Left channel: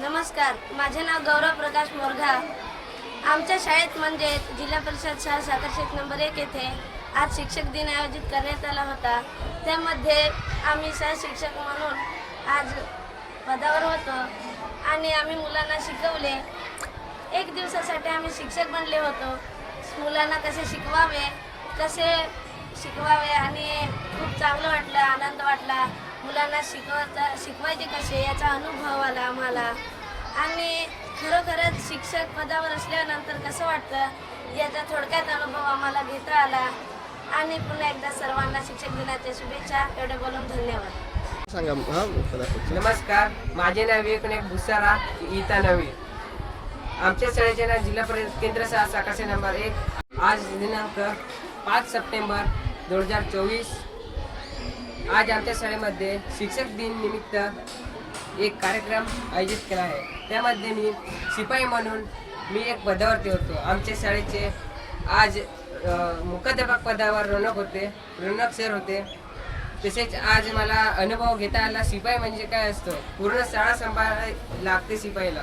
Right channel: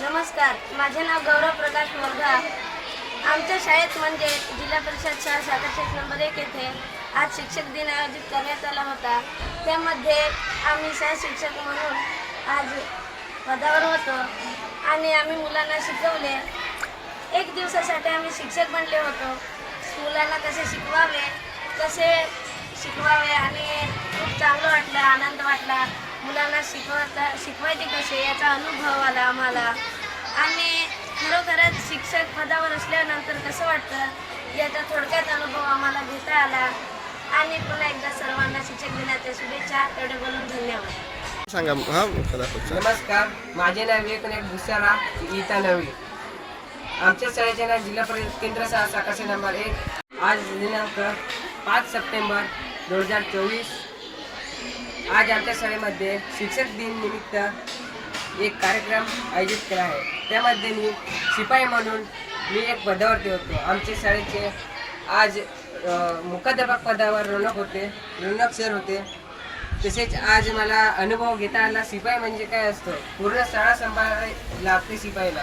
नमस्कार. माझे नाव गौरव प्रकाश मोरघा. आमच्या शाळेत म्हणजे जिल्हा परिषद शाळा सातारशेत नंबर एक येथे आज शिक्षक दिन आयोजित करण्यात आला होता. त्यामध्ये आम्ही सह शिक्षक म्हणून आज पदावर होतो आणि आम्ही मुलांना शिकवले. एक दिवसासाठी आम्ही शिक्षक बनले होतो. मुलांना कसे शिकवावे कसे शिकवावे आणि खूप चांगलं वाटलं आनंद वाटला. मुलांना शिकवता शिकवायचे कसे? याचा अनुभव आला आम्हाला. आणि खरोखरच शिक्षक पदावर असल्यानंतर कसं वाटतं? याचा थोडक्यात अनुभव आम्हाला घेता आला. आणि पुन्हा एकदा सर्वांना शिक्षक दिनाच्या शुभेच्छा. एवढे बोलून धन्यवाद. सांगा हा नमस्कार. माझे नाव एकनाथ भुसारा इता नवी आमच्या शाळेचे नाव जिल्हा परिषद केंद्र शाळा साकाशी नंबर एक. आज दिनांक पाच सप्टेंबर दोन हजार चोवीस. आज आमच्या शाळेमध्ये शिक्षक दिन निमित्त एक कार्यक्रम आयोजित केला आहे. त्यामध्ये मी शिपाई म्हणून मी एक पदावरती होतो. आमच्या शाळेचे आज अ, मुख्याध्यापक पदावर रोनक होते रोनक सर होते. तसेच आज मला अनुभव घेता आला शिपाई म्हणजे काय असतं? पूर्ण शाळा सांभाळ लागते शिपाईला.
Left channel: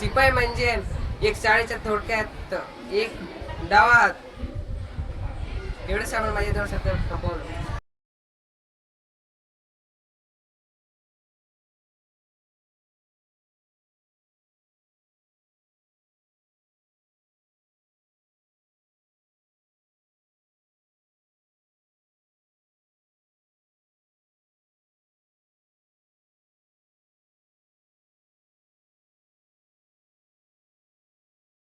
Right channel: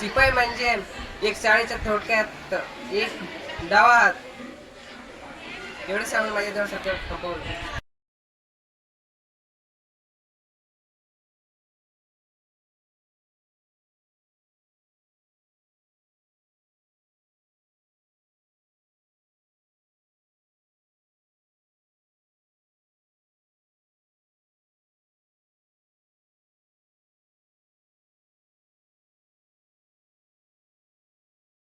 शिपाई म्हणजे एक शाळेच्या थोडक्यात एक डावा एवढं सांगून माझ्या दोन सत्य